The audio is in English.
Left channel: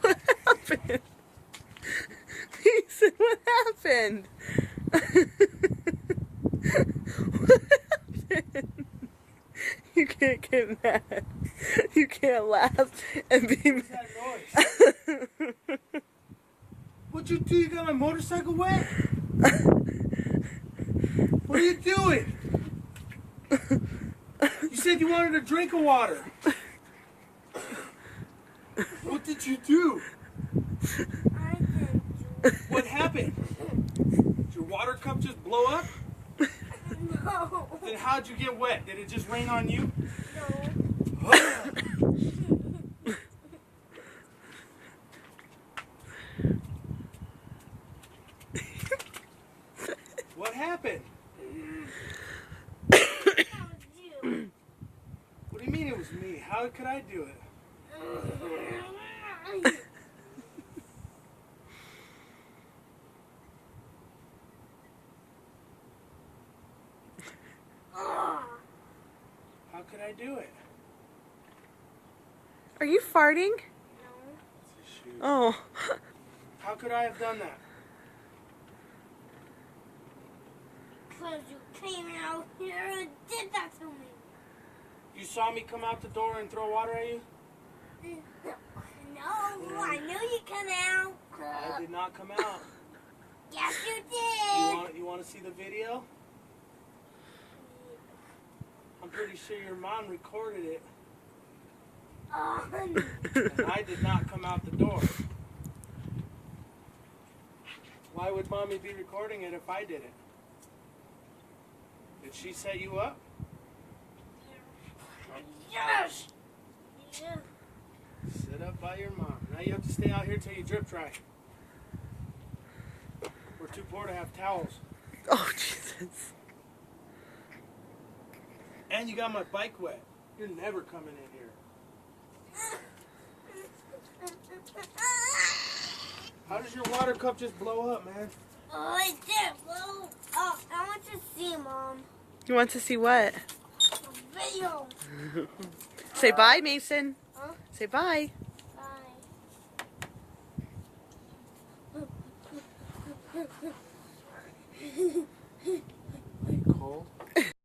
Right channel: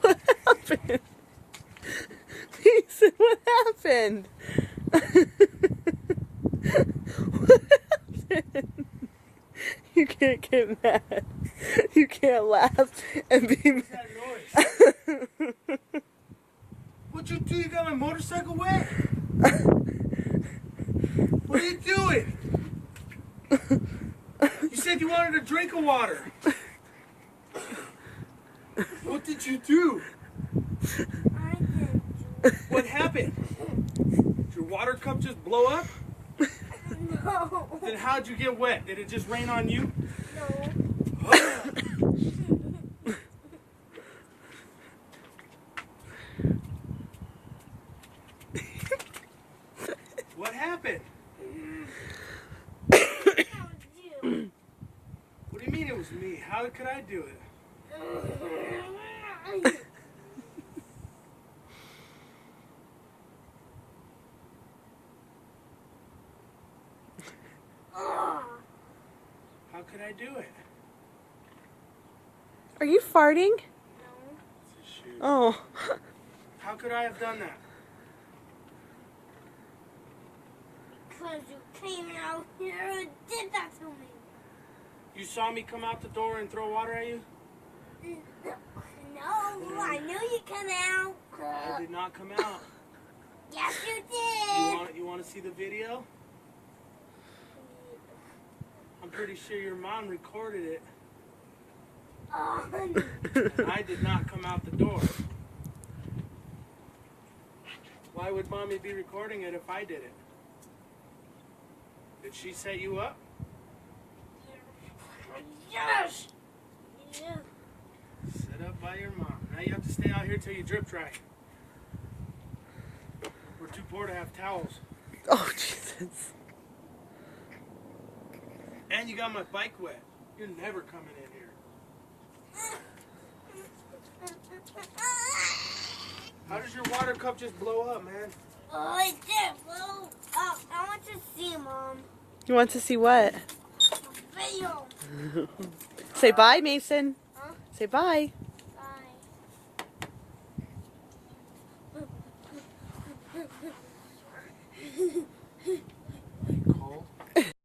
What happened? Mason, what happened? What happened? You can't get mad. You can't laugh and be mad. What'd you do? You got my motorcycle wet? What are you doing? You said you wanted a drink of water. What did you do? What happened? Did your water cup just blow up? No. Then how'd you get wet? Did it just rain on you? No. What happened? What do you mean it was me? How could I do it? How could I do it? Are you farting? No. Oh. How could I have done that? Because you came out here and did that to me. You saw me come out the door and throw water at you? No, I knew you come out. I did not come out. Yes, you did. You want to see the video? I'm pretty sure your mom recorded it. And I did not come out the door. Why would mommy be recording it if I did it? Did she set you up? Yes. Yeah. Set up by your mom. Now you have to stay out here till you drip dry. We're too poor to have towels. Oh, Jesus. And you got my bike wet. You're never coming in here. How does your water cup just blow up, man? Oh, it did. Well, I want to see Mom. You want to see what? Video. Say bye, Mason. Huh? Say bye. Bye. Are you cold?